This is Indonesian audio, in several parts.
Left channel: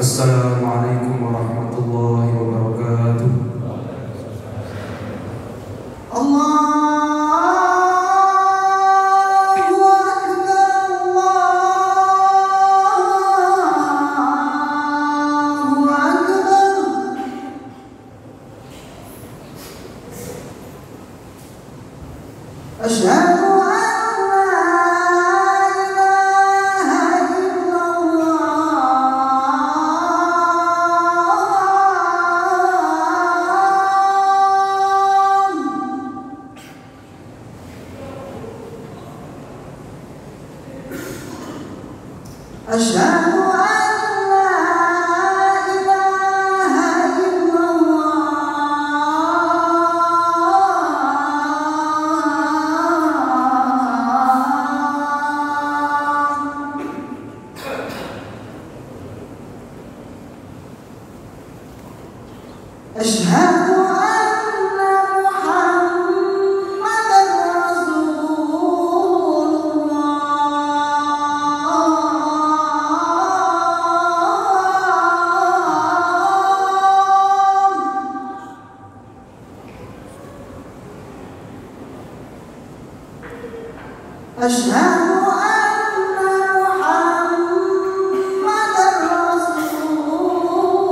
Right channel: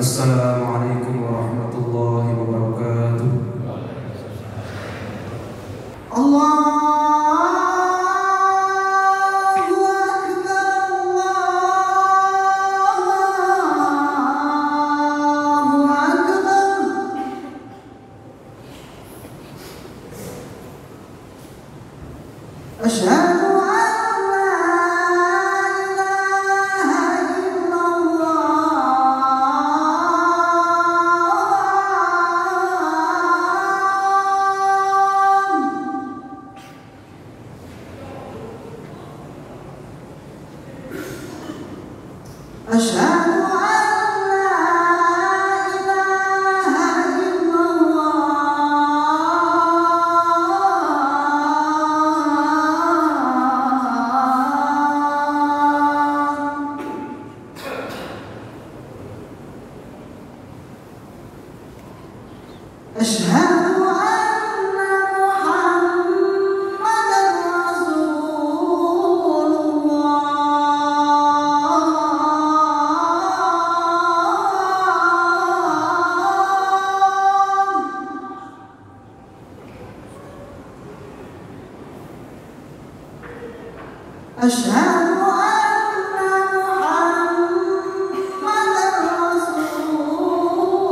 Assalamualaikum warahmatullahi wabarakatuh. Allahu Akbar, Allahu Akbar. Asyhadu أشهد أن لا إله إلا الله أشهد أشهد أن محمدًا رسول الله.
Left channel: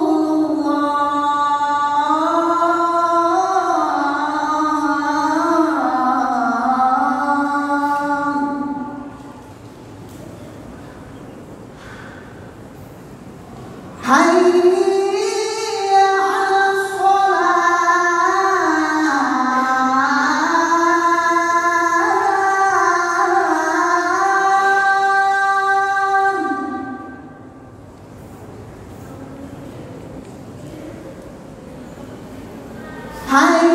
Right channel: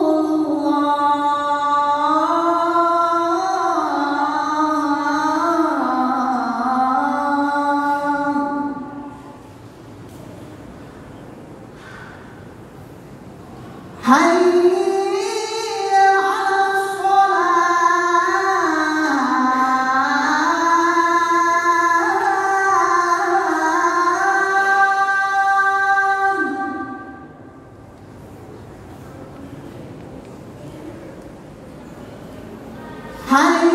حي على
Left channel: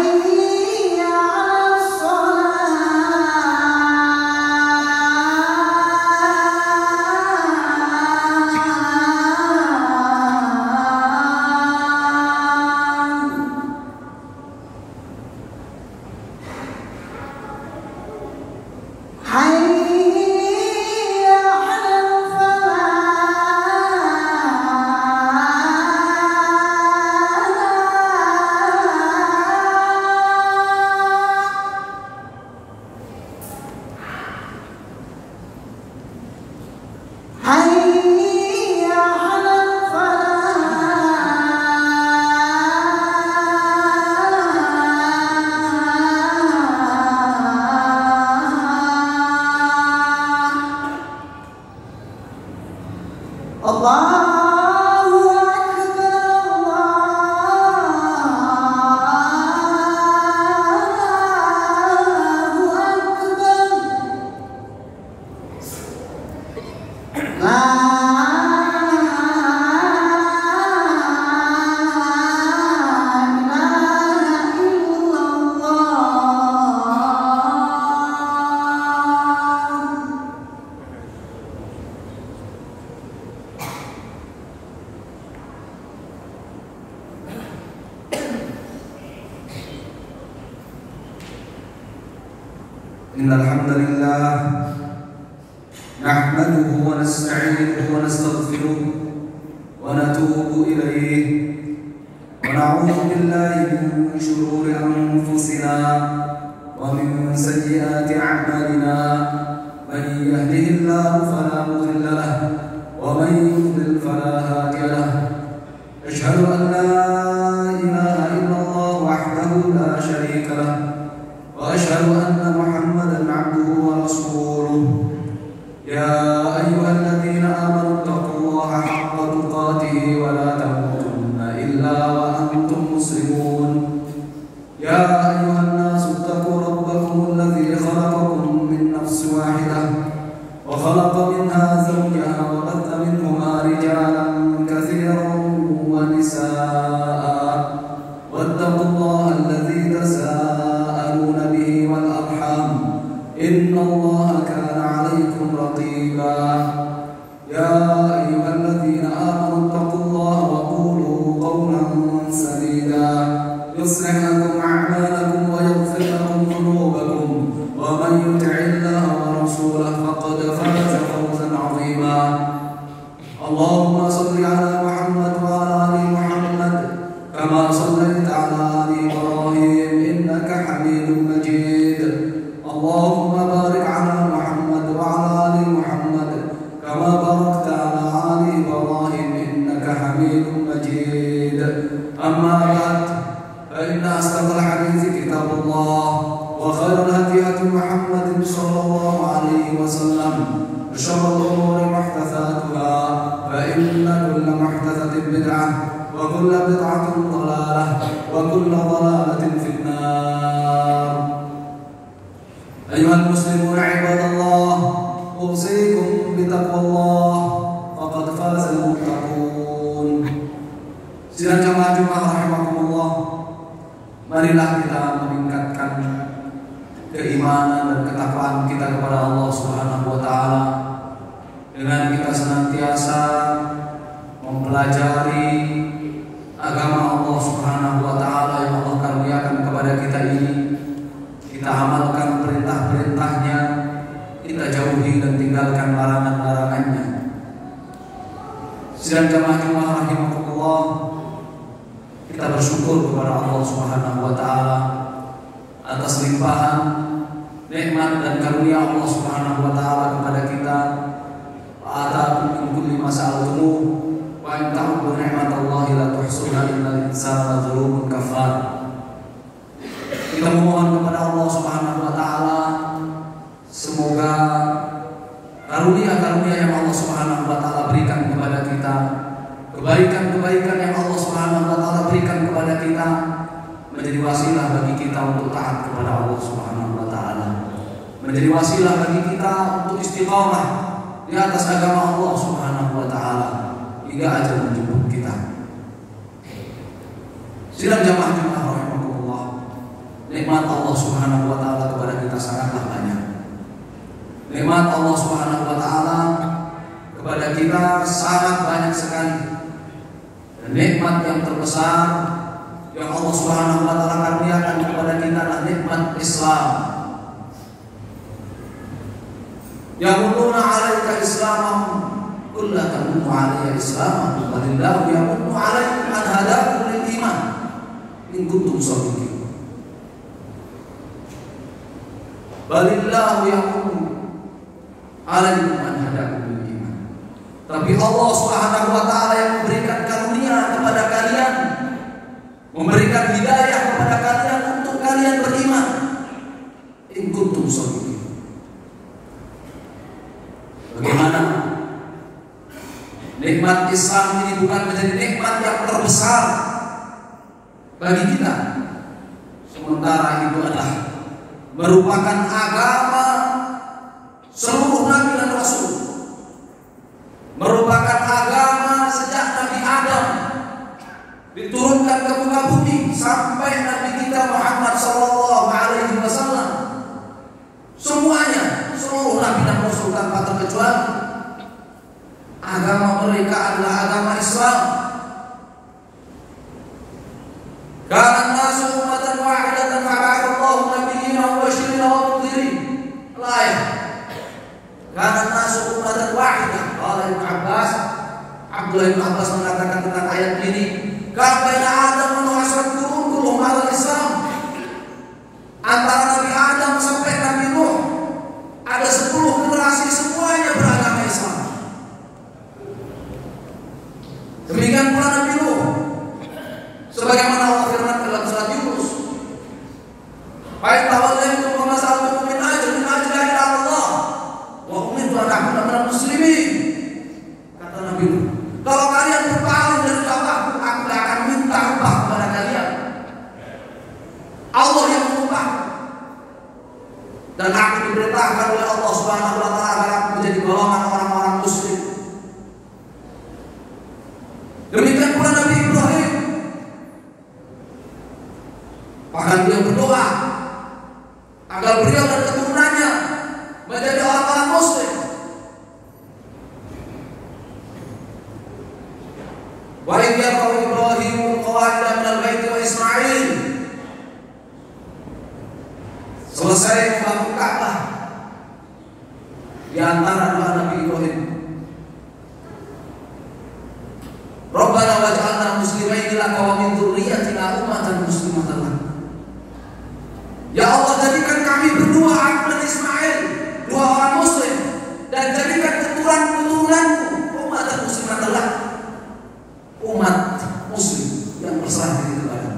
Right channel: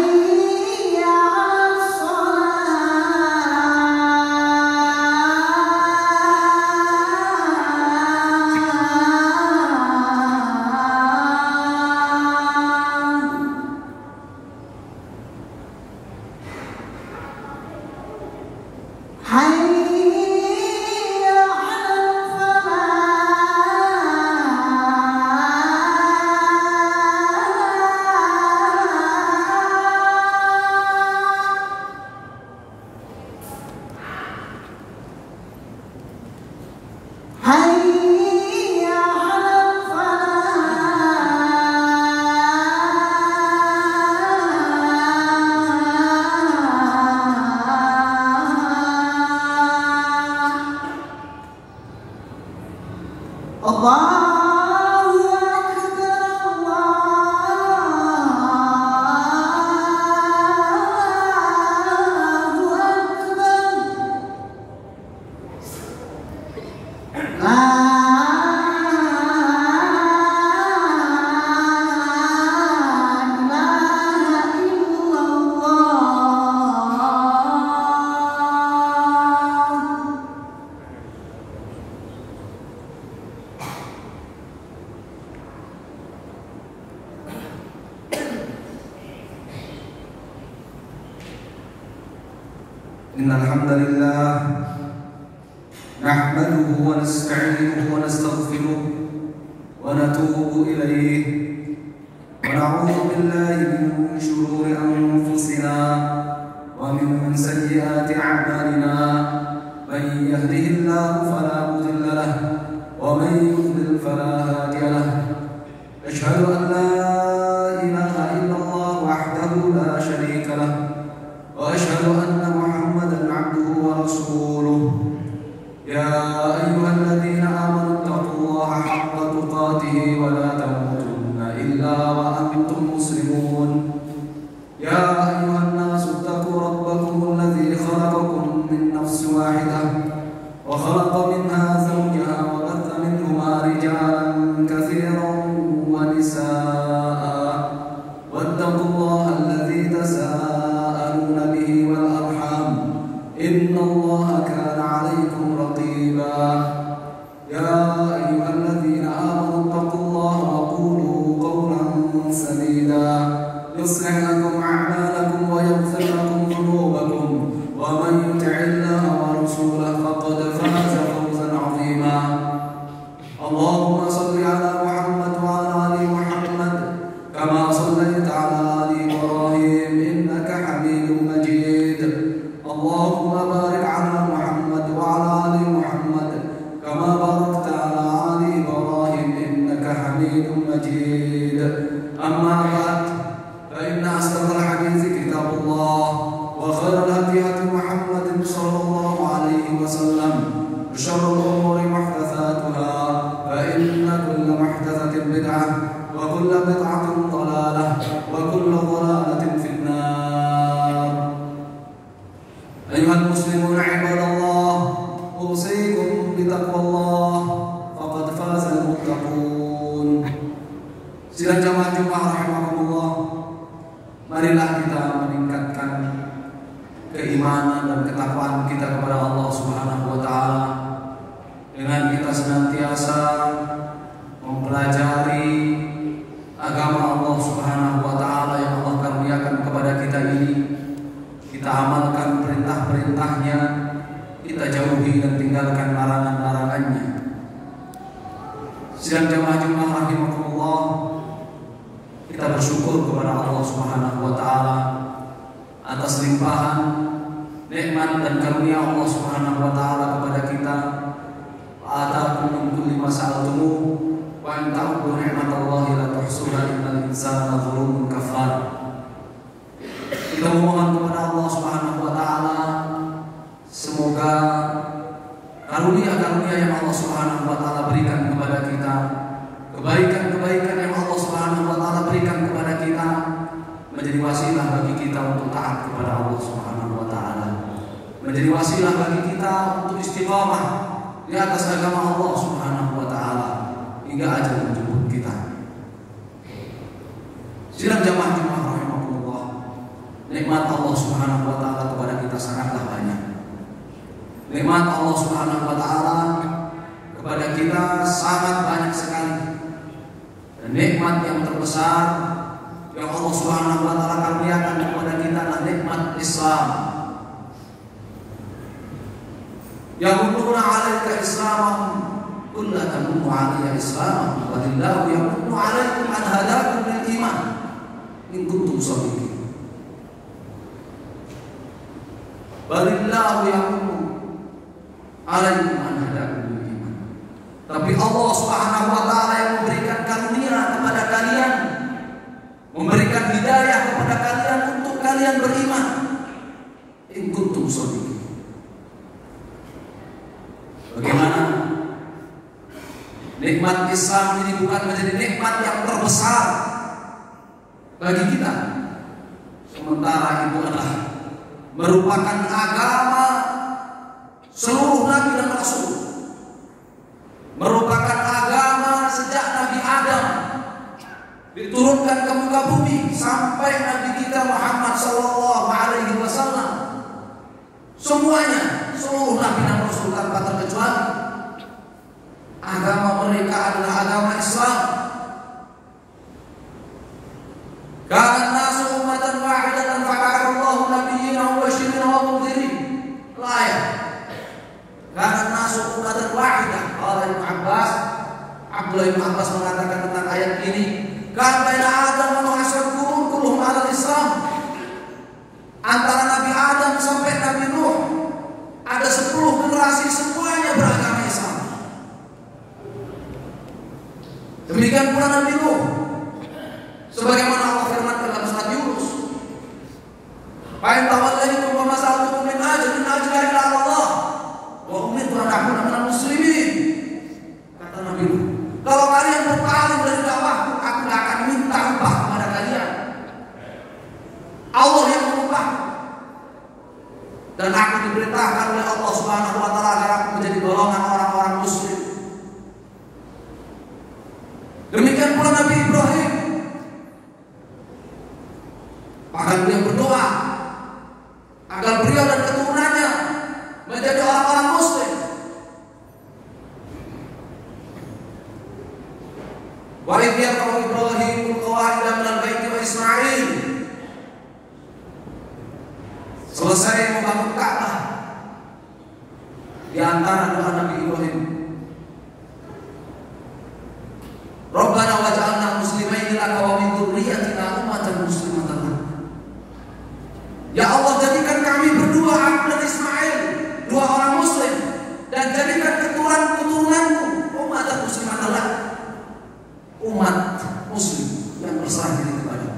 إن الحمد لله نحمده ونستعينه ونستغفره ونتوب إليه ونعوذ بالله من شرور أنفسنا ومن سيئات أعمالنا من يهده الله فلا مضل له ومن يضلل فلا هادي له أشهد أن لا إله إلا الله وحده لا شريك له وأشهد أن محمدًا عبده ورسوله يا أيها الذين آمنوا اتقوا الله حق تقاته ولا تموتن إلا وأنتم مسلمون يا أيها الناس اتقوا ربكم الذي خلقكم من نفس واحدة وخلق منها زوجها وبث منهما رجالا كثيرا ونساء واتقوا الله الذي تساءلون به والأرحام إن الله كان عليكم رقيبا يا أيها الذين آمنوا اتقوا الله وقولوا قولا سديدا يصلح لكم أعمالكم ويغفر لكم ذنوبكم ومن يطع الله ورسوله فقد فاز فوزا عظيما. اللهم صل على محمد karunia-karunia yang Allah Subhanahu wa taala berikan kepada kita, kebaikan-kebaikan yang Allah Subhanahu wa taala berikan kepada kita menjadi wasilah bagi kita untuk taat kepada Allah Subhanahu wa taala. Menjadi wasilah bagi kita untuk istiqamah di atas agama Allah Subhanahu wa taala hingga ajal menjemput kita. Sidang jamaah rahimahullah, nikmat Allah Subhanahu wa taala kepada kita sangatlah banyak. Nikmat Allah Subhanahu wa taala kepada kita sangat banyak sekali. Dan nikmat yang terbesar yang Allah Subhanahu wa taala karuniakan kepada kita adalah nikmat Islam. Yaquluna 'alaika Islamahum qul la tamunnu 'alayya Islamahum balillahu yamunnu 'alaikum an hadakum lil iman in kuntum shadiqin. Balillahu yamunnu 'alaikum an hadakum lil iman. Tapi Allah Subhanahu wa taala yang memberikan karunia kepada kalian, memberikan hidayah kepada kalian untuk kalian beriman. In kuntum shadiqin. Bagaimana nikmat Islam ini bukan menjadi nikmat yang terbesar bagi kita, sementara itu adalah merupakan agama seluruh nabi dan rasul, merupakan agama sejak Nabi Adam diturunkan ke muka bumi sampai Nabi kita Muhammad sallallahu alaihi wasallam. Semuanya, seluruh nabi dan rasul tanpa terkecuali, agama mereka adalah agama Islam. Kana nasu ummatan wahidatan fa'ala Allahu nabiyina wa mubasysyirin wa mundhirin. Ayat. Kana nasu ummatan wahidah. Qala Ibnu Abbas, Abdullah bin Abbas mengatakan tentang ayat ini, kana Adam wa asr qurun kulluhum ala Islam. Antara Nabi Adam sampai Nabi Nuh ada 10 generasi, semuanya beragama Islam. Demikian pula Nabi Nuh, sebagaimana Allah firman dalam surat Yunus, "Fa ta'awwadu masalatu min ajli Allah wa umiru an ta'budu minal muslimin." Kata Nabi Nuh, kalau kalian berpaling dari dakwah, aku akan minta upah kepada kalian. Allah yang mengubah, dan aku diperintahkan oleh Allah Subhanahu wa taala agar aku menjadi golongan orang-orang muslim. Demikian pula Nabi Ibrahim, bahkan dia berdoa agar beliau dan keturunannya menjadi orang-orang muslim. Wa idh yarfa'u Ibrahimul qawa'ida minal baiti wa Ismail. Selesai membangun Ka'bah, di antara doa Nabi Ibrahim, Rabbana waj'alna muslimaini laka wa min dzurriyyatina ummatan muslimatan lak. Ya Allah, jadikan kami berdua, aku dan Ismail, dua orang muslim, dan jadikan keturunan-keturunanmu umat muslimatan lak, umat muslim yang berserah diri kepada-Mu.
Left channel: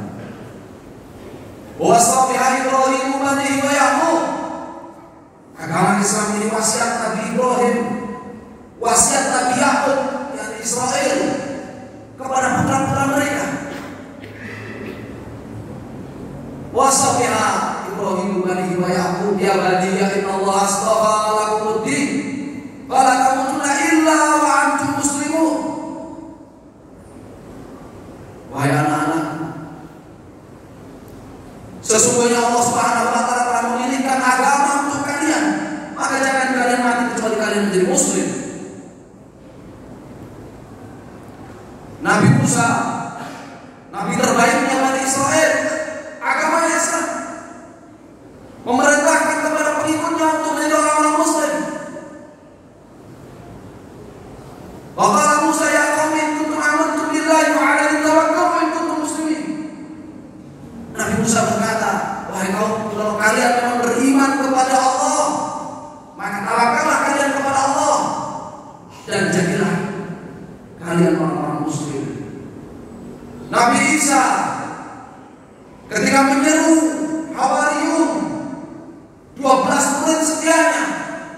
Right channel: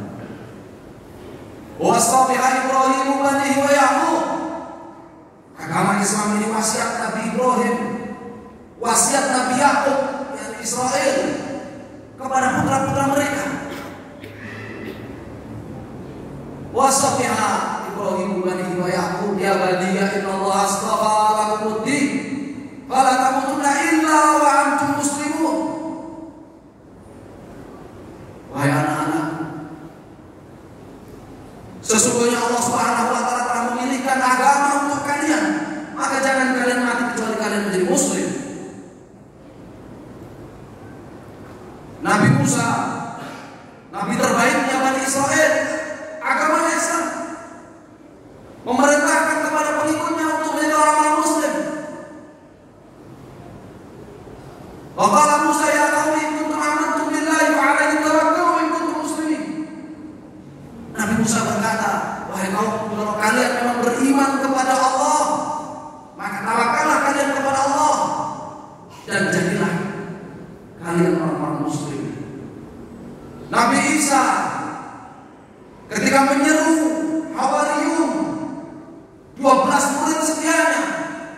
Wasabiha Ibrahim banihi wa Yaqub. Agama Islam ini wasiat Nabi Ibrahim, wasiat Nabi Yaqub yang Israel kepada putra-putra mereka. Wasabiha Ibrahim banihi wa Yaqub ya baniya innallaha astafa lakumud-din fala tamutunna illa wa antum muslimun. Wahai anak-anak, sesungguhnya Allah Subhanahu wa taala telah memilihkan agama untuk kalian, maka jangan kalian mati kecuali kalian menjadi muslim. Nabi Musa, nabi terbaiknya Bani Israel, agama Islam, memerintahkan kepada pengikutnya untuk menjadi orang-orang muslim. Qala Musa ya qaumi kuntum amantum billahi wa 'alaihi tawakkaltu in kuntum muslimin. Nabi Musa berkata, wahai kaum, kalau kalian memang beriman kepada Allah, maka tawakallah kalian kepada Allah dan jadilah kalian orang-orang muslim. Nabi Isa ketika menyeru Hawariyun 12 murid setianya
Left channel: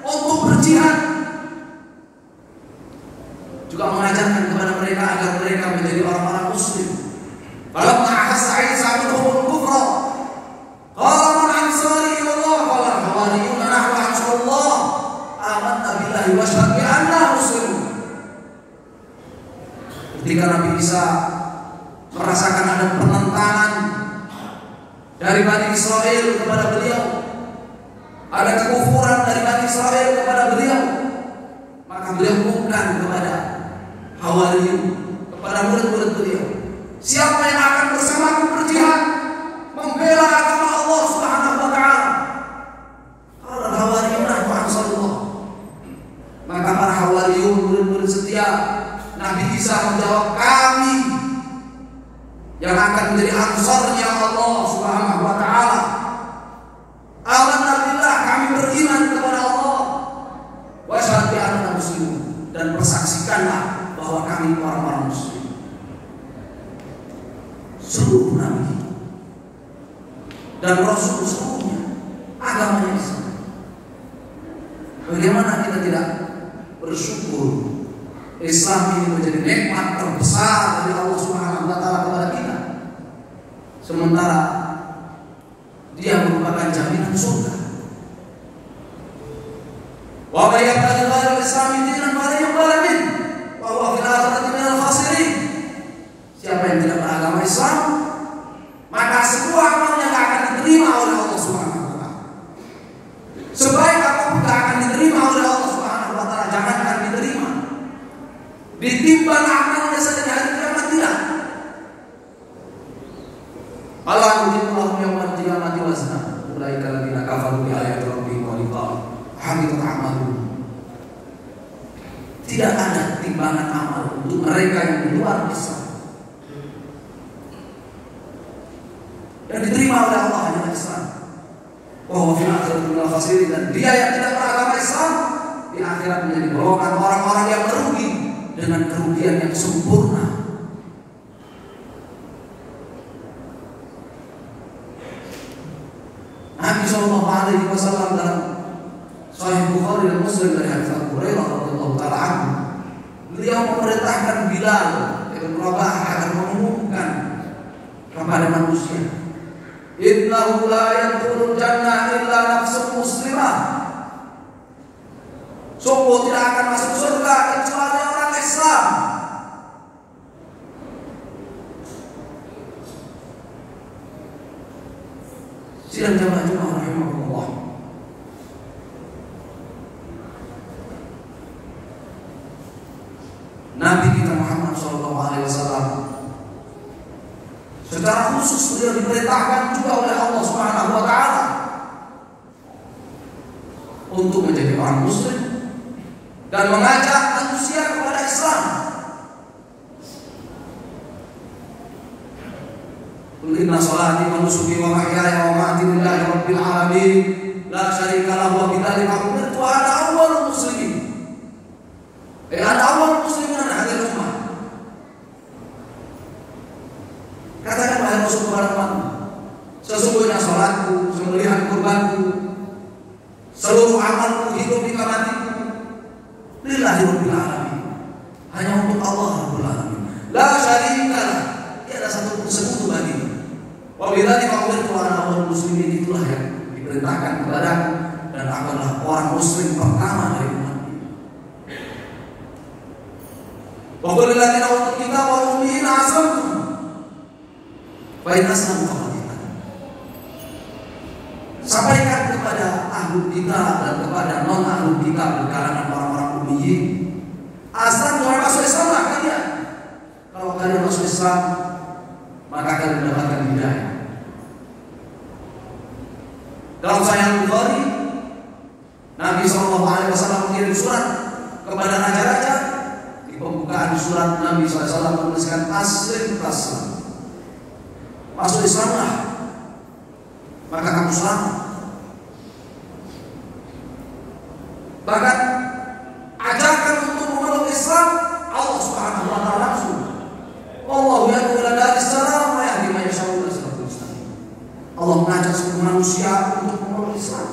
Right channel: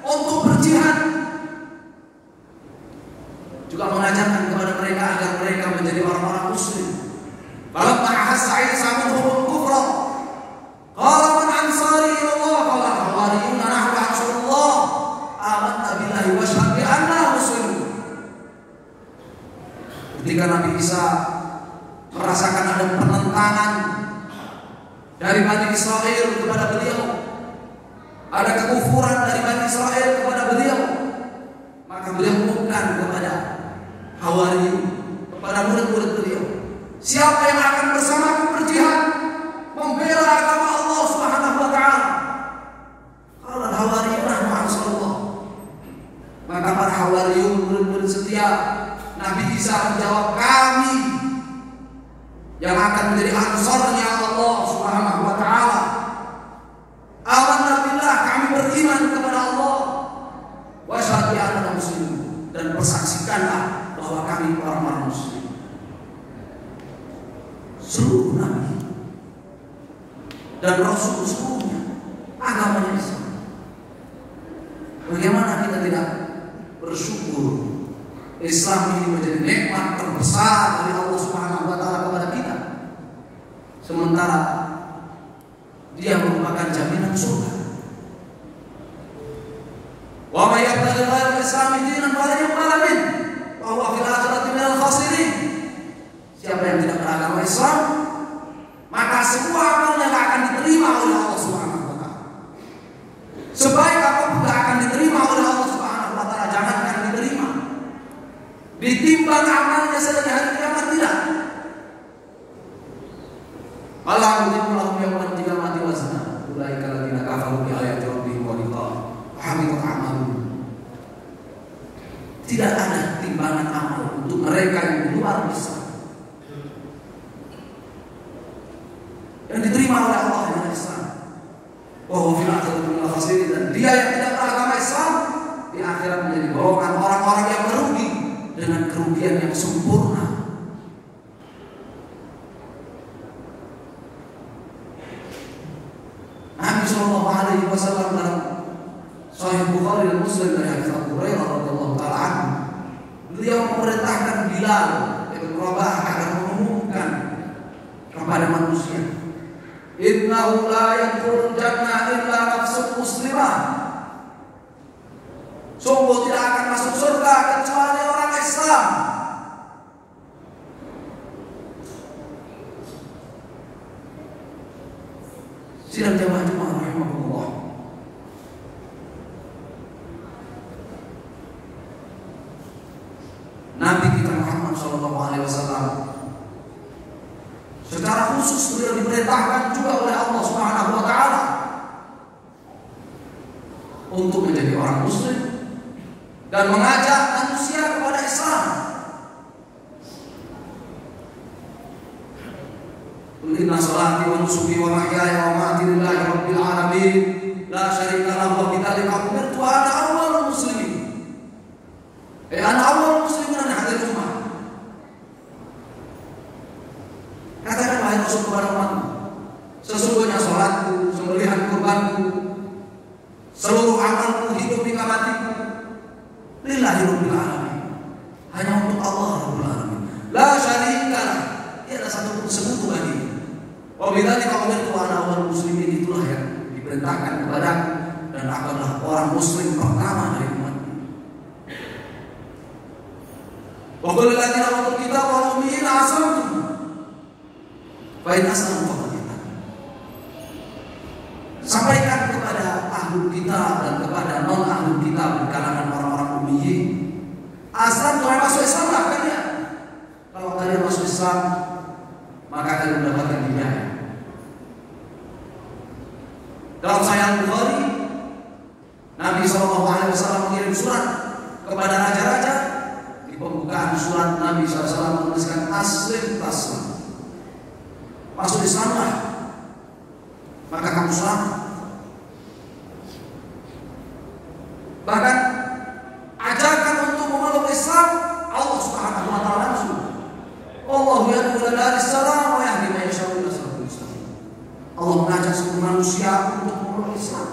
untuk berjihad lillahi wa asyhadu bi anna muslimun. Ketika Nabi Isa merasakan ada pertentangan dari Bani Israel kepada beliau, ada kekufuran dari Bani Israel kepada beliau, maka beliau mengumumkan kepada Hawariyun, kepada murid-murid beliau, siapa yang akan bersamaku berjihad membela agama Allah Subhanahu wa taala? Kalau Hawariyun Rasulullah, maka para Hawariyun, murid-murid setia Nabi Isa menjawab, kami yang akan menjadi ansarnya Allah Subhanahu wa taala. Amanna billah, kami beriman kepada Allah. Wa asyhadu bi anna muslimun, dan persaksikanlah bahwa kami orang-orang muslim. Seluruh nabi dan rasul seluruhnya agamanya Islam. Bagaimana kita tidak bersyukur Islam ini menjadi nikmat terbesar dari Allah Subhanahu wa taala kepada kita, sementara dia merupakan jaminan surga. Wa may yabtaghi ghayra al-islam dinan falan yuqbal minhu wa huwa fil akhirati minal khasirin. Siapa yang tidak beragama Islam, maka semua amalnya tidak akan diterima oleh Allah Subhanahu wa taala. Sebaik apapun tidak akan diterima oleh Allah Subhanahu wa taala, jangankan diterima, ditimbang amalnya saja hari kiamat tidak. Alhamdulillah yang tidak mati wasna. Ulaika alladziina kafaru bi ayati rabbihim wa liqa'ihi habitat a'maluhum. Tidak ada timbangan amal untuk mereka yang di luar Islam. Yang diterima oleh Allah adalah Islam. Wa fil akhirati minal khasirin, dan dia yang tidak beragama Islam di akhirat menjadi golongan orang-orang yang merugi dengan kerugian yang sempurna. Nabi sallallahu alaihi wasallam dalam Sahih Bukhari dan Muslim dari hadits Abu Hurairah radhiyallahu taala anhu, beliau memerintahkan Bilal bin Rabah agar mengumumkan kepada manusia, innahu la yadkhulul jannah illa nafsun muslimah. Sungguh tidak akan masuk surga kecuali orang Islam. Sidang jamaah rahimahullah. Nabi kita Muhammad SAW secara khusus beliau diperintahkan juga oleh Allah Subhanahu wa taala untuk menjadi orang muslim dan mengajak manusia kepada Islam. Inna salati wa nusuki wa mahyaya wa mamati lillahi rabbil alamin la syarika lahu wa bidzalika umirtu ana awwalul muslimin. Ana awwalul muslimin hadhihi ummah. Katakan wahai Rasul kepada umatmu, sesungguhnya salatku, sembelihan kurbanku, seluruh amalku, hidup di matiku lillahi rabbil alamin, hanya untuk Allah rabbul alamin. La syarika lahu, tiada satu sekutu baginya. Wabillahi taufiq wa ana awwalul muslimin, itulah yang diperintahkan kepadaku dan aku adalah orang muslim pertama dari umat ini. Wa qul lil ladzina utul kitaba wa ummiyina aslamtum fa in aslamu faqad ihtadaw. Sampaikan kepada ahli kitab dan kepada non ahli kitab di kalangan orang-orang ummiyin, asal kalian masuk Islam kalian. Kalau kalian masuk Islam, maka kalian mendapatkan hidayah. Dalam Sahih Bukhari, Nabi SAW mengirim surat kepada raja-raja. Di pembukaan surat, Nabi SAW menuliskan aslim taslim, masuk Islamlah, maka kamu selamat. Bahkan ajakan untuk memeluk Islam Allah Subhanahu wa taala langsung. Allah yad'u ila al-islam wa yahdi man yasha'u ila siratal mustaqim. Allah mengajak semua manusia untuk memeluk Islam.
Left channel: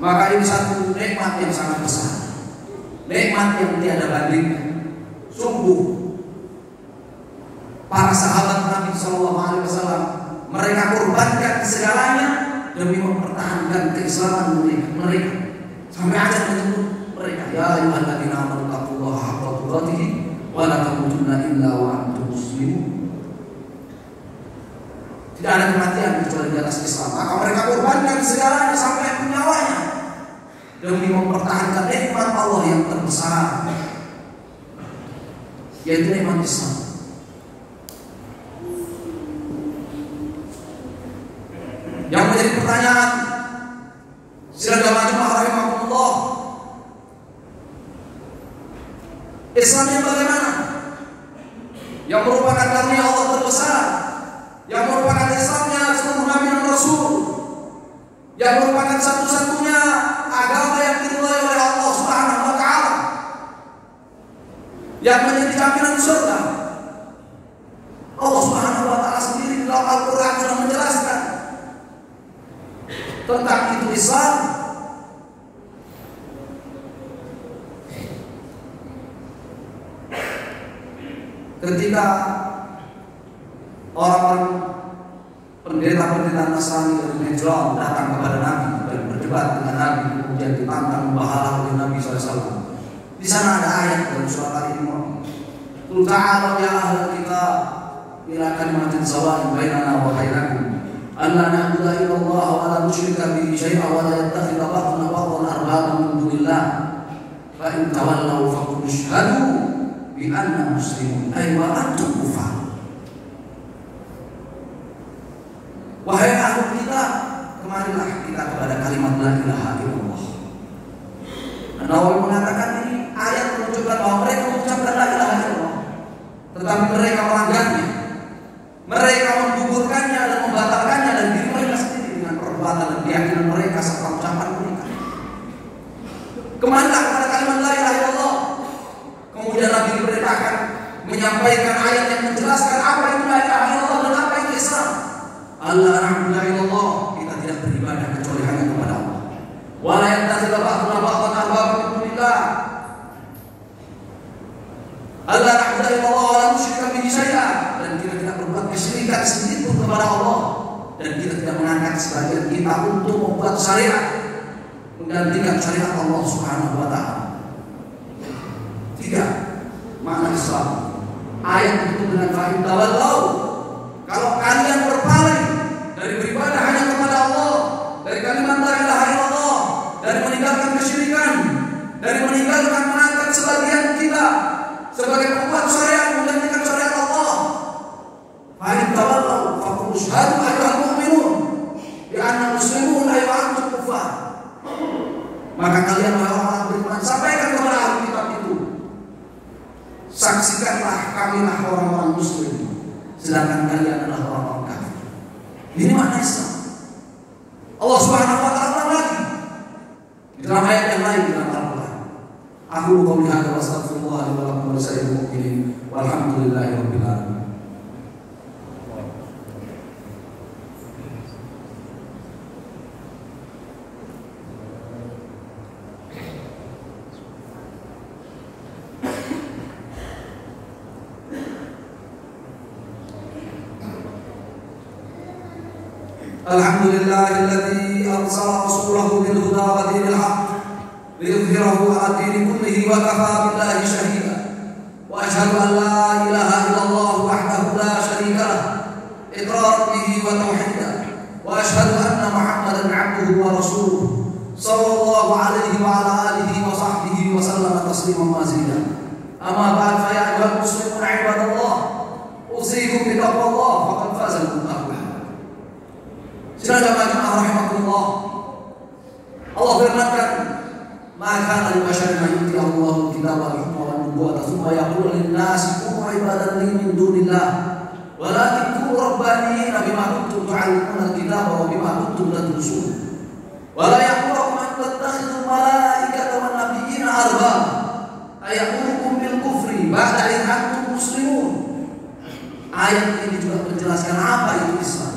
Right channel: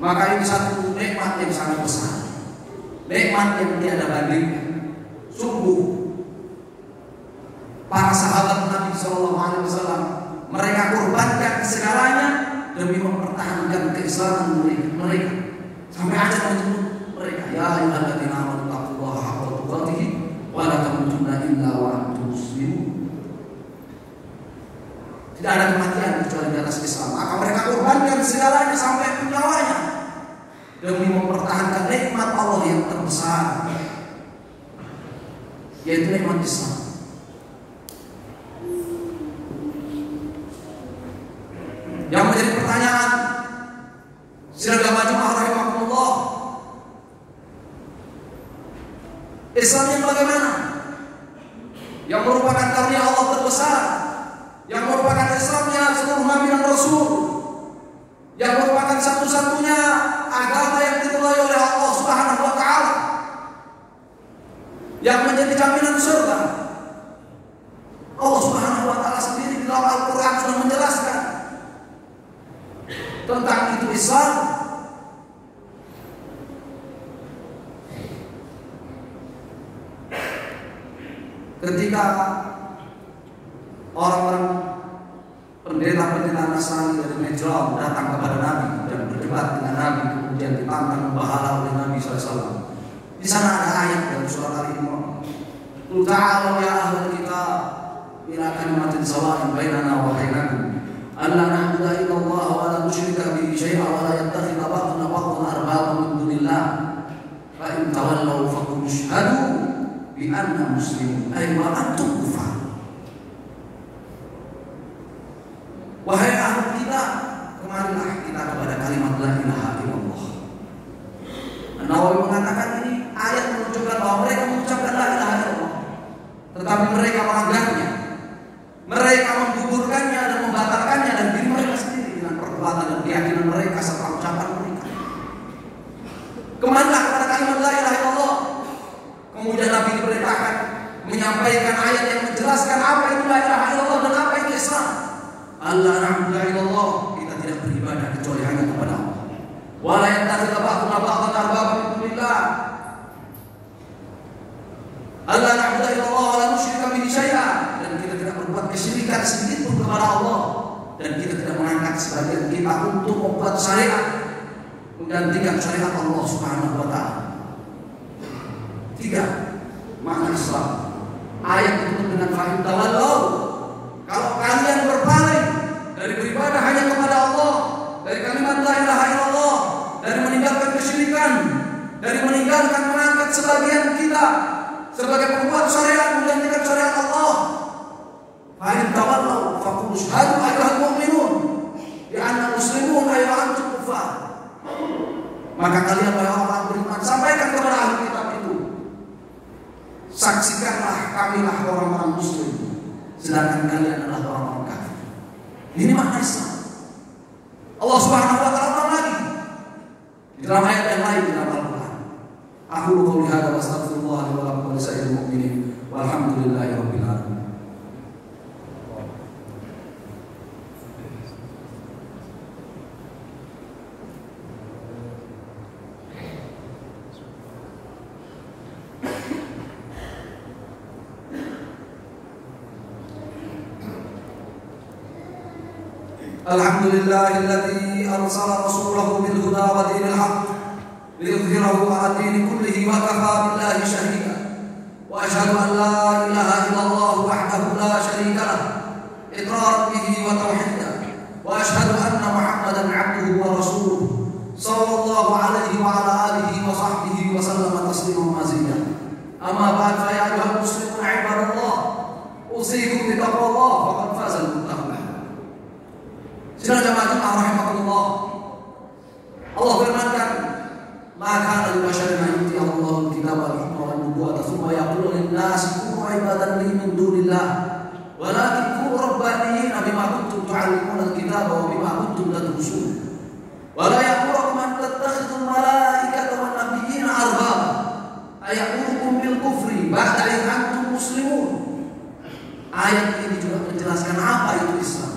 Maka ini satu nikmat yang sangat besar, nikmat yang tiada bandingnya. Sungguh para sahabat Nabi SAW mereka korbankan segalanya demi mempertahankan keislaman mereka. Sampai ada menyebut mereka, ya ayyuhalladzina amanu taqullaha haqqa tuqatih wa la tamutunna illa wa antum muslimun. Tidak ada kematian kecuali di atas Islam. Maka mereka korbankan segalanya sampai nyawanya demi mempertahankan nikmat Allah yang terbesar, yaitu nikmat Islam. Yang menjadi pertanyaan sidang jamaah rahimahumullah, Islam yang bagaimana? Yang merupakan karunia Allah terbesar, yang merupakan Islamnya seluruh Nabi dan Rasul, yang merupakan satu-satunya agama yang dimulai oleh Allah Subhanahu wa Ta'ala, yang menjadi jaminan surga. Allah Subhanahu wa Ta'ala sendiri dalam Al-Quran sudah menjelaskan tentang itu Islam. Ketika orang pendeta-pendeta Nasrani dari Najran datang kepada Nabi dan berdebat dengan Nabi, kemudian ditantang membahas oleh Nabi SAW. Di sana ada ayat dari surat Al-Imran, "Qul ta'alu ya ahlal kitab ila kalimatin sawa'in bainana wa bainakum alla na'budu illallah wa la nusyrika bihi syai'an wa la yattakhidha ba'duna ba'dan arbaban min dunillah fa in tawallaw faqul ashhadu bi anna muslimun ay wa antum kufar." Wahai ahli kitab, kemarilah kita kepada kalimat la ilaha illallah. An-Nawawi mengatakan ini ayat menunjukkan bahwa mereka mengucapkan la ilaha illallah, tetapi mereka melanggarnya, mereka menggugurkannya dan membatalkannya dan diri mereka sendiri dengan perbuatan dan keyakinan mereka serta ucapan mereka. Kemarilah kepada kalimat la ilaha illallah. Kemudian Nabi diperintahkan menyampaikan ayat yang menjelaskan apa itu la ilaha illallah dan apa itu Islam. Allah na'budu illallah, kita tidak beribadah kecuali hanya kepada Allah. Wa la yattakhidha ba'duna ba'dan arbaban min dunillah. Allah na'budu illallah wa la nusyrika bihi syai'an, dan kita tidak berbuat kesyirikan sedikit pun kepada Allah, dan kita tidak mengangkat sebagian kita untuk membuat syariat menggantikan syariat Allah Subhanahu wa Ta'ala. Tiga, makna Islam. Ayat itu dengan fahim tawallau, kalau kalian berpaling dari beribadah hanya kepada Allah, dari kalimat la ilaha illallah, dari meninggalkan kesyirikan, dari meninggalkan mengangkat sebagian kita sebagai pembuat syariat menggantikan syariat Allah, fa in tawallaw faqul ashhadu ayyuhal mu'minun bi anna muslimun ay wa antum kufar. Maka kalian wahai orang beriman, sampaikan kepada ahli kitab itu, saksikanlah kamilah orang-orang muslim, sedangkan kalian adalah orang-orang kafir. Ini makna Islam. Allah Subhanahu wa Ta'ala lagi di dalam ayat yang lain dalam Al-Quran. Aku qouli hadza wa astaghfirullah li wa lakum wa lisa'iril mu'minin walhamdulillahi rabbil alamin. Alhamdulillahilladzi arsala rasulahu bil huda wa dinil haqq liyudhhirahu 'ala ad-dini kullihi wa kafaa billahi shahida. Wa asyhadu an la ilaha illallah wahdahu la syarika lah iqraran bihi wa tauhidan. Wa asyhadu anna Muhammadan 'abduhu wa rasuluhu sallallahu alaihi wa ala alihi wa sahbihi wa sallama tasliman mazida. Amma ba'd, fa ya ayyuhal muslimuna 'ibadallah, usikum bi taqwallah faqad faza al-muttaqun. Sidang jamaah rahimahullah, Allah firmankan, maka al-basyarin yuti Allah kita wa hikmah wa nubuwwah tsumma yaqulu lin-nasi kunu ibadan li min dunillah walakin kunu rabbaniyina bima kuntum tu'allimuna al-kitaba wa bima kuntum tadrusun wa la yaqumu an tattakhidhu malaikata wan nabiyyina arbaba ayamukum bil kufri ba'da in antum muslimun. Ayat ini juga menjelaskan apa itu Islam.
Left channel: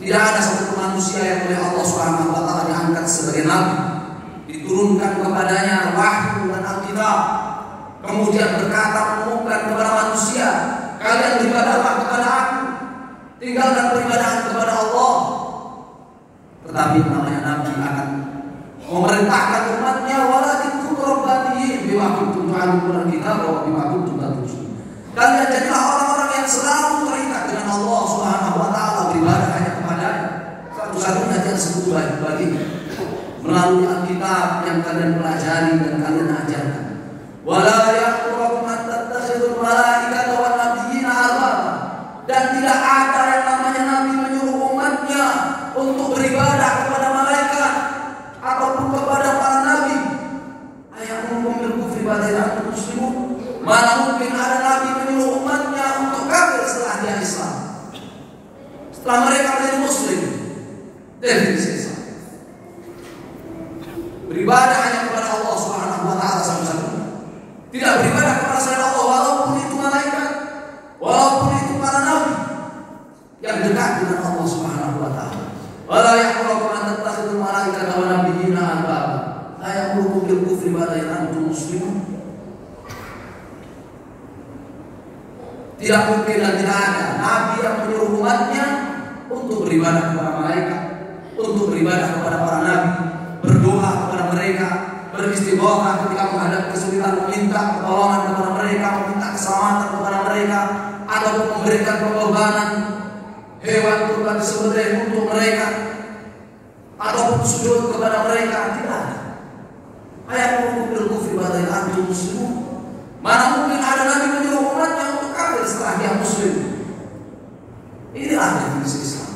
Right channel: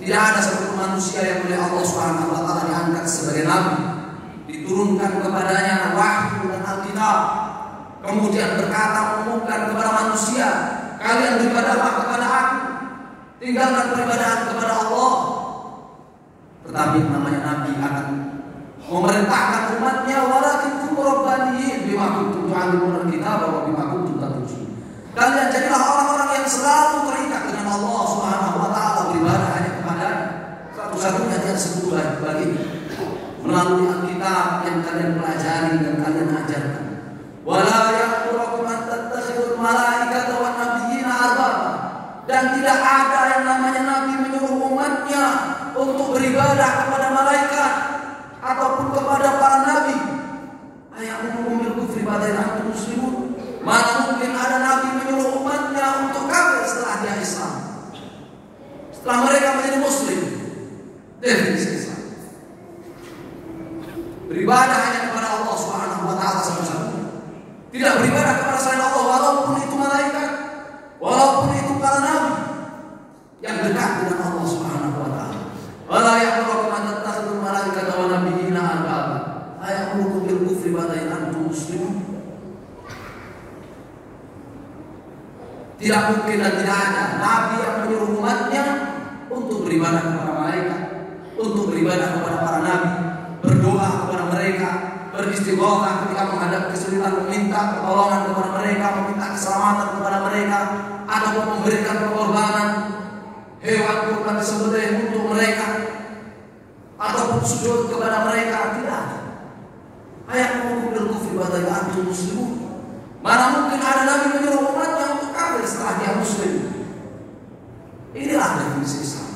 Tidak ada satu manusia yang oleh Allah Subhanahu wa Ta'ala diangkat sebagai nabi, diturunkan kepadanya wahyu dan Alkitab, kemudian berkata mengumumkan kepada manusia, kalian beribadahlah kepada aku, tinggalkan peribadahan kepada Allah. Tetapi namanya Nabi akan memerintahkan umatnya walakin kutrobani bima kuntum tu'allimuna kita wa bima kuntum tadrusun. Kalian jadilah orang-orang yang selalu terikat dengan Allah Subhanahu wa taala, beribadah hanya kepada-Nya. Satu-satunya yang sempurna bagi melalui Alkitab yang kalian pelajari dan kalian ajarkan. Wala ya'muru an tattakhidul malaikata wan nabiyina arbaba. Dan tidak ada yang namanya Nabi menyuruh umatnya untuk beribadah kepada malaikat ataupun kepada para nabi. Ayakum bil kufri ba'da muslimun. Mana mungkin ada nabi menyuruh umatnya untuk kafir setelah dia Islam, setelah mereka menjadi muslim. Definisi Islam beribadah hanya kepada Allah Subhanahu wa taala satu-satunya. Tidak beribadah kepada selain Allah, walaupun itu malaikat, walaupun itu para nabi yang dekat dengan Allah Subhanahu wa taala. Wala yahrum an tattakhidul malaikata wan nabiyina arbaba. Ayakum bil kufri ba'da antum muslimun. Tidak mungkin dan tidak ada nabi yang menyuruh umatnya untuk beribadah kepada malaikat, untuk beribadah kepada para nabi, berdoa kepada mereka, beristighotsah ketika menghadapi kesulitan, meminta pertolongan kepada mereka, meminta keselamatan kepada mereka, ataupun memberikan pengorbanan hewan kurban disembelih untuk mereka, ataupun sujud kepada mereka. Tidak ada. Ayakum bil kufri ba'da antum muslimun. Mana mungkin ada nabi menyuruh umatnya untuk kafir setelah dia muslim. Inilah definisi Islam.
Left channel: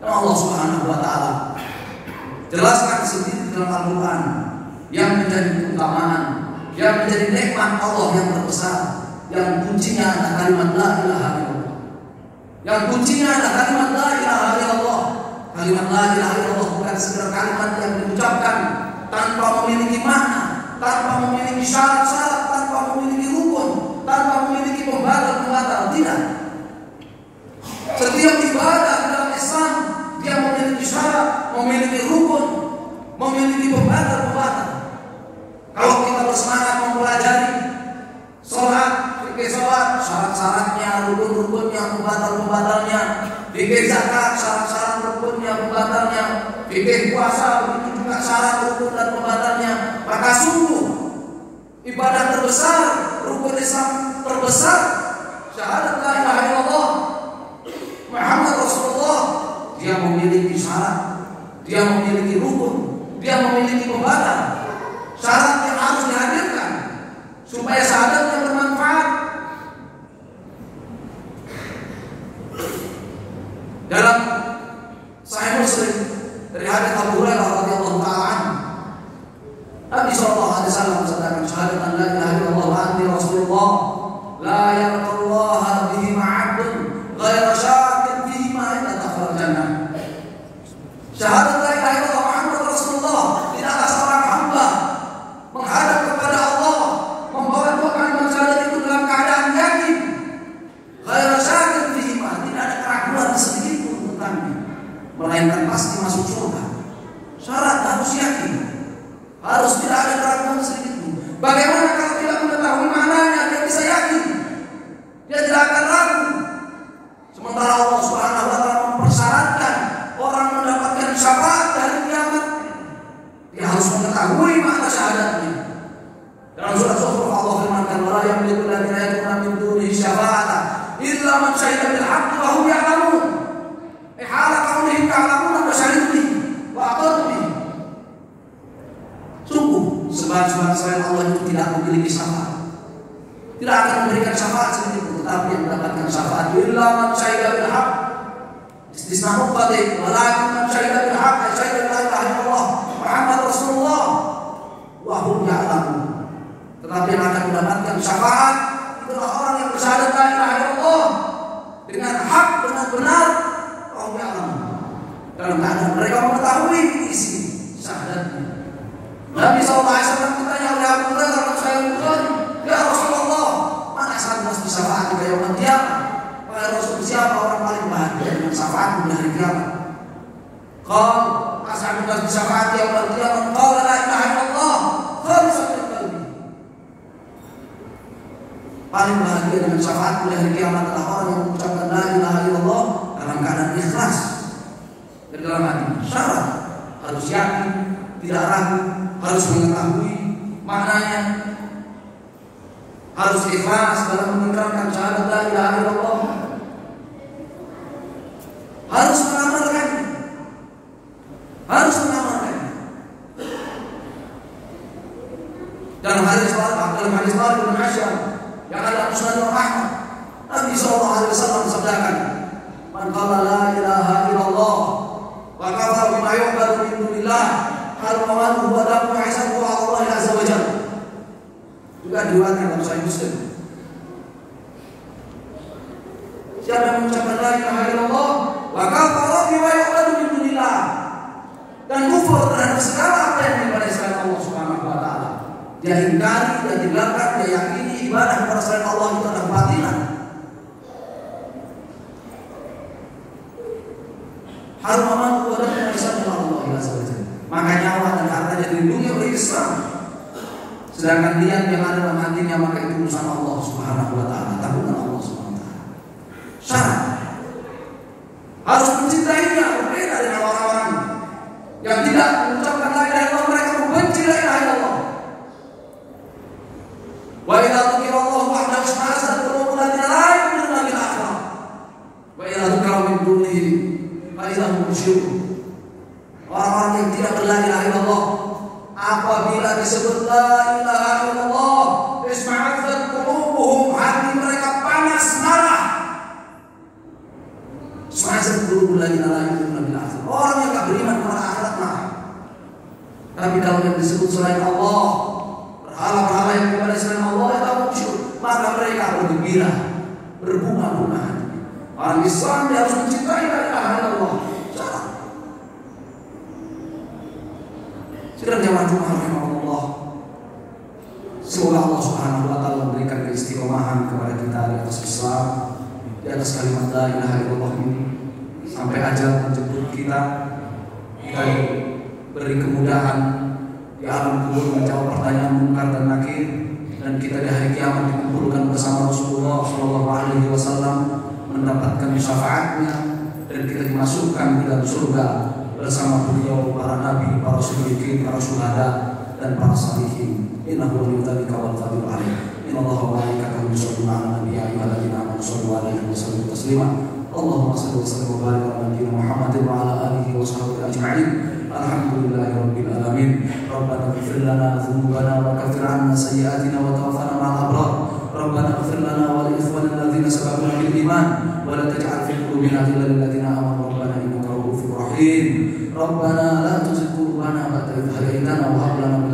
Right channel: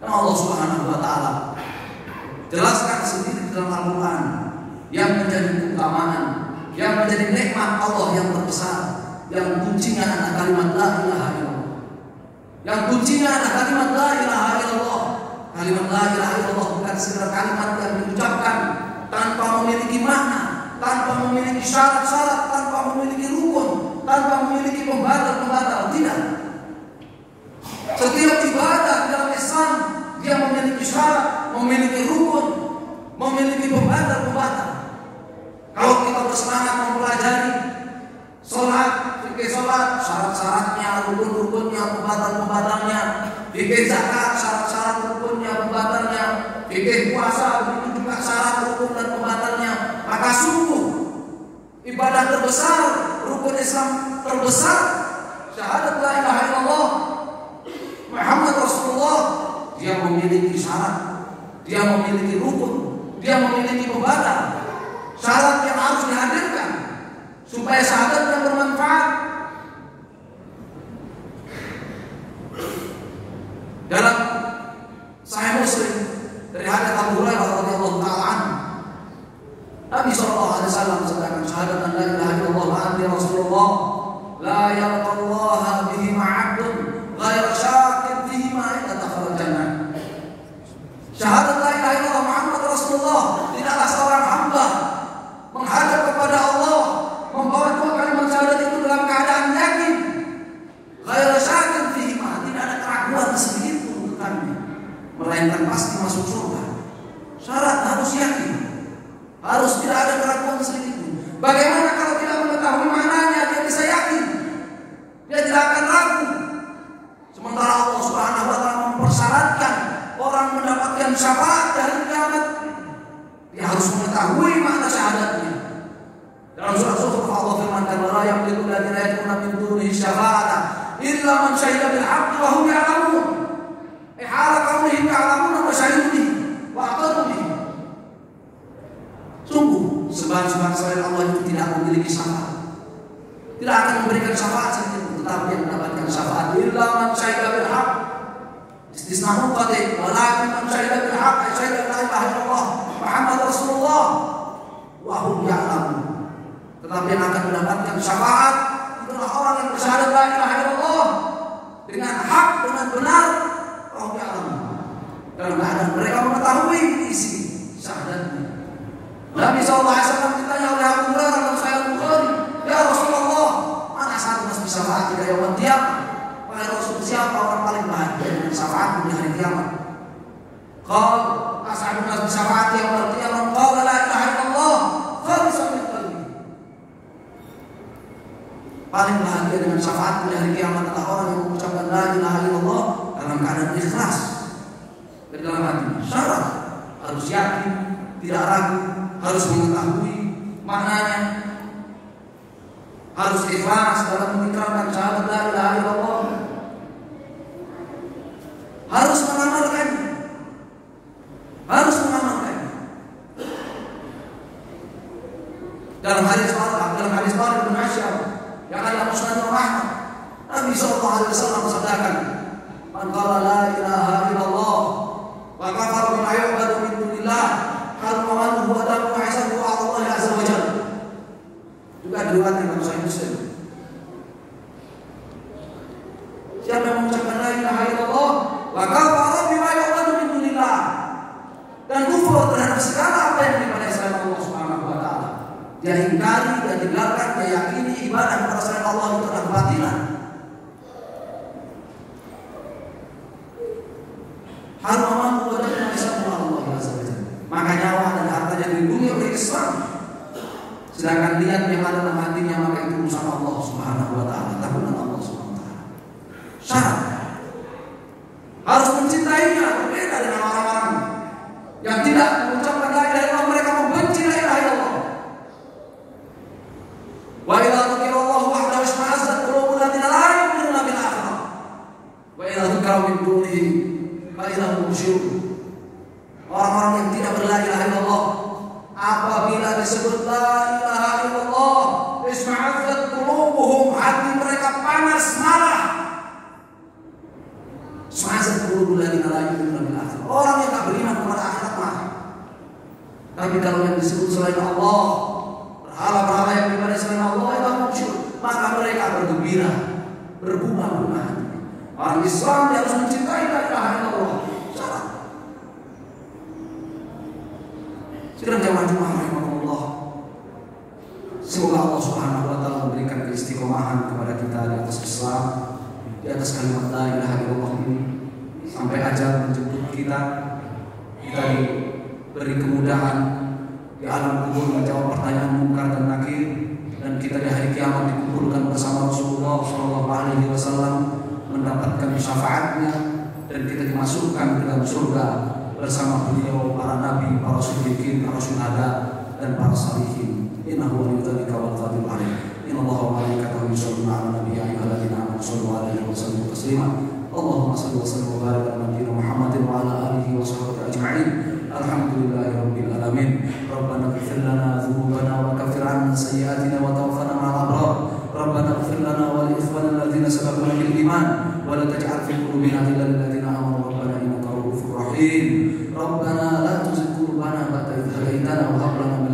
Dan Allah Subhanahu wa taala jelaskan sendiri dalam Al-Quran yang menjadi keutamaan, yang menjadi nikmat Allah yang terbesar, yang kuncinya adalah kalimat la ilaha illallah. Yang kuncinya adalah kalimat la ilaha illallah. Kalimat la ilaha illallah bukan sekedar kalimat yang diucapkan tanpa memiliki makna, tanpa memiliki syarat-syarat, tanpa memiliki rukun, tanpa memiliki pembatal-pembatal. Tidak. Setiap ibadah dalam Islam dia memiliki syarat, memiliki rukun, memiliki pembatal-pembatal. Kalau kita bersemangat mempelajari sholat, fikih sholat, syarat-syaratnya, rukun-rukunnya, pembatal-pembatalnya, fikih zakat, syarat-syarat, rukunnya, pembatalnya, fikih puasa, begitu juga syarat, rukun dan pembatalnya. Maka sungguh ibadah terbesar, rukun Islam terbesar, syahadat la ilaha illallah Muhammad Rasulullah, dia memiliki syarat, dia memiliki rukun, dia memiliki pembatal. Syarat yang harus dihadirkan supaya syahadatnya bermanfaat. Dalam Sahih Muslim dari hadits Abu Hurairah radhiyallahu ta'ala, Nabi sallallahu alaihi wasallam mengatakan syahadat an la ilaha illallah wa anna Rasulullah la yaqullahu bihi ma'abdun ghairu syakin bihi ma'ida dakhala jannah. Syahadat la ilaha illallah Muhammad Rasulullah, tidaklah seorang hamba menghadap kepada Allah membawa dua kalimat syahadat itu dalam keadaan yakin, ghairu syakin bihi ma, tidak ada keraguan sedikit pun tentangnya, melainkan pasti masuk surga. Syarat harus yakin, harus tidak ada keraguan sedikit pun. Bagaimana kalau tidak mengetahui maknanya dia bisa yakin? Dia tidak akan ragu. Sementara Allah Subhanahu wa taala mempersyaratkan orang mendapatkan syafaat dari kiamat, dia harus mengetahui makna syahadatnya. Dalam surah Zukhruf Allah firmankan, "Wa la yamliku alladziina yad'una min dunihi syafa'atan illa man syahida bil haqqi wa hum ya'lamun." Hala qaulihim ta'lamuna wa syahidun wa aqarru. Sungguh sembahan-sembahan selain Allah itu tidak memiliki syafaat, tidak akan memberikan syafaat sedikit, tetapi yang mendapatkan syafaat illa man syahida bil haqq. Istisna uqati walakin man syahida bil haqq, syahida la ilaha illallah Muhammad Rasulullah wa hum ya'lamun. Tetapi yang akan mendapatkan syafaat itulah orang yang bersyahadat la ilaha illallah dengan hak, dengan benar, wa hum ya'lamun, dalam keadaan mereka mengetahui isi syahadatnya. Nabi SAW ditanya oleh Abu Hurairah dalam Sahih Bukhari, "Ya Rasulullah, mana syahadat bisa syafaat di yaumul qiyamah?" Wahai Rasul, siapa orang paling bahagia dengan syafaat di hari kiamat? Qal as'adun nas bi syafaati yaumul qiyamah qala la ilaha illallah khalisatan min qalbi. Paling bahagia dengan syafaat di hari kiamat adalah orang yang mengucapkan la ilaha illallah dalam keadaan ikhlas dan dalam hati. Syarat harus yakin, tidak ragu, harus mengetahui maknanya, harus ikhlas dalam mengucapkan syahadat la ilaha illallah, harus mengamalkannya, harus mengamalkannya. Dalam hadis Talib bin Asyam yang ada Musnad Imam Ahmad, Nabi SAW bersabdakan, "Man qala la ilaha illallah wa kafara bima yu'badu min dunillah, harrama anhu wa damu hasabu Allah azza wa jalla." Juga diriwayatkan dalam Sahih Muslim. Siapa yang mengucapkan la ilaha illallah wa kafara bima yu'badu min dunillah, dan kufur terhadap segala apa yang diibadahi selain Allah Subhanahu wa taala, dia ingkari, dia tinggalkan, dia yakini ibadah kepada selain Allah itu adalah kebatilan, haruman wa damu hasabu Allah azza wa jalla, maka nyawa dan hartanya dilindungi oleh Islam. Sedangkan dia yang ada dalam hatinya, maka itu urusan Allah Subhanahu wa taala, tanggungan Allah Subhanahu wa taala. Syarat harus mencintainya, berbeda dengan orang-orang yang tidak mengucapkan la ilaha illallah, mereka membenci la ilaha illallah. Wa idza dzukira Allah wahdahu isma'azzat qulubul ladzina la yu'minuna bil akhirah wa idza dzukira min dunihi fa idza hum musyrikun. Orang-orang yang tidak la ilaha illallah, apabila disebut la ilaha illallah, isma'azzat qulubuhum, hati mereka panas marah. Isma'azzat qulubul ladzina la yu'minuna bil akhirah, orang yang tak beriman kepada akhirat marah. Tapi kalau yang disebut selain Allah, berhala-berhala yang diibadahi selain Allah, itu muncul, maka mereka bergembira, berbunga-bunga. Orang Islam dia harus mencintai la ilaha illallah. Sudah jamaah rahimahullah, semoga Allah Subhanahu wa taala memberikan keistiqomahan kepada kita di atas Islam, di atas kalimat la ilaha illallah ini, sampai ajal menjemput kita beri kemudahan di alam kubur menjawab pertanyaan munkar dan nakir, dan kita di hari kiamat dikumpulkan bersama Rasulullah SAW, mendapatkan syafaatnya, dan kita dimasukkan ke dalam surga bersama beliau, para nabi, para siddiqin, para syuhada, dan para salihin. Innahu waliyyu dzalika wal qadiru alaih. Innallaha wa malaikatahu yusholluna 'alan nabi ya ayyuhalladzina amanu shallu 'alaihi wa sallimu taslima. Allahumma shalli wa sallim wa barik 'ala nabiyyina Muhammadin wa 'ala alihi wa sahbihi ajma'in. Alhamdulillahirabbil alamin. Rabbana ighfir lana dzunubana wa kaffir 'anna sayyi'atina wa tawaffana ma'al abrar. Rabbana ighfir lana wa li ikhwanina alladzina sabaquna bil iman wa la taj'al fi qulubina ghillan lil ladzina amanu rabbana innaka ra'ufur rahim. Rabbana la tuzigh qulubana ba'da idh hadaytana wa hab lana min